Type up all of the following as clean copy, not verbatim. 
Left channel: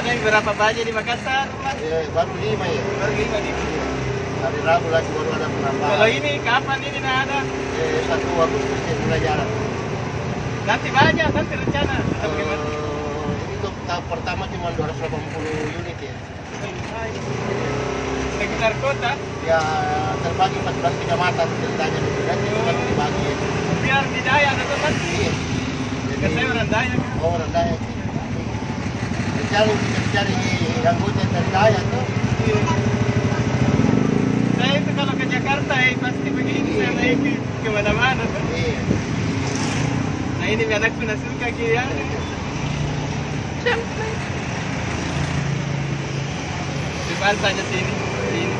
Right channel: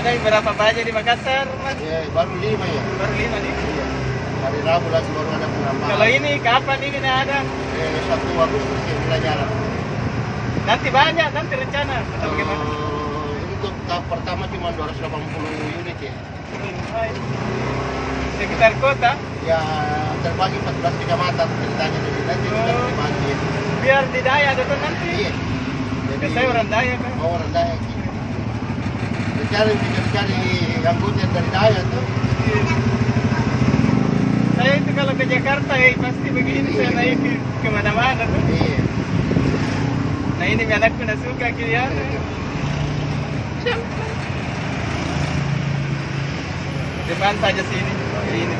Ada yang berapa baja di Makassar, Mas? Ya, baru 5 ya. Baru 5 nih. Iya. Hari Rabu lagi baru ada penambahan. Kalau ini kapan ini nah ada? 1 Agustus ya mulai jalan. Nanti banyak, nanti rencana. Atau bagaimana? Untuk tahap pertama cuma 280 unit ya. Sekitar kota, Ya terbagi 14 kecamatan ceritanya di sini nanti sudah dibagi. Ya. biar di Dayak atau nanti. Iya. Jadi Ya, saya orang Dayak kan. oh, orang Dayak. Cari anggota dari Dayak tuh. Iya. Saya itu kalau ke Jakarta pasti begini saya naik ke mana-mana tuh. Iya. Nah ini anakku nak suka kira. Depan saja sini. Ini.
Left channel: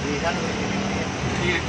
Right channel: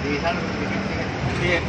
Di sana berarti. Iya.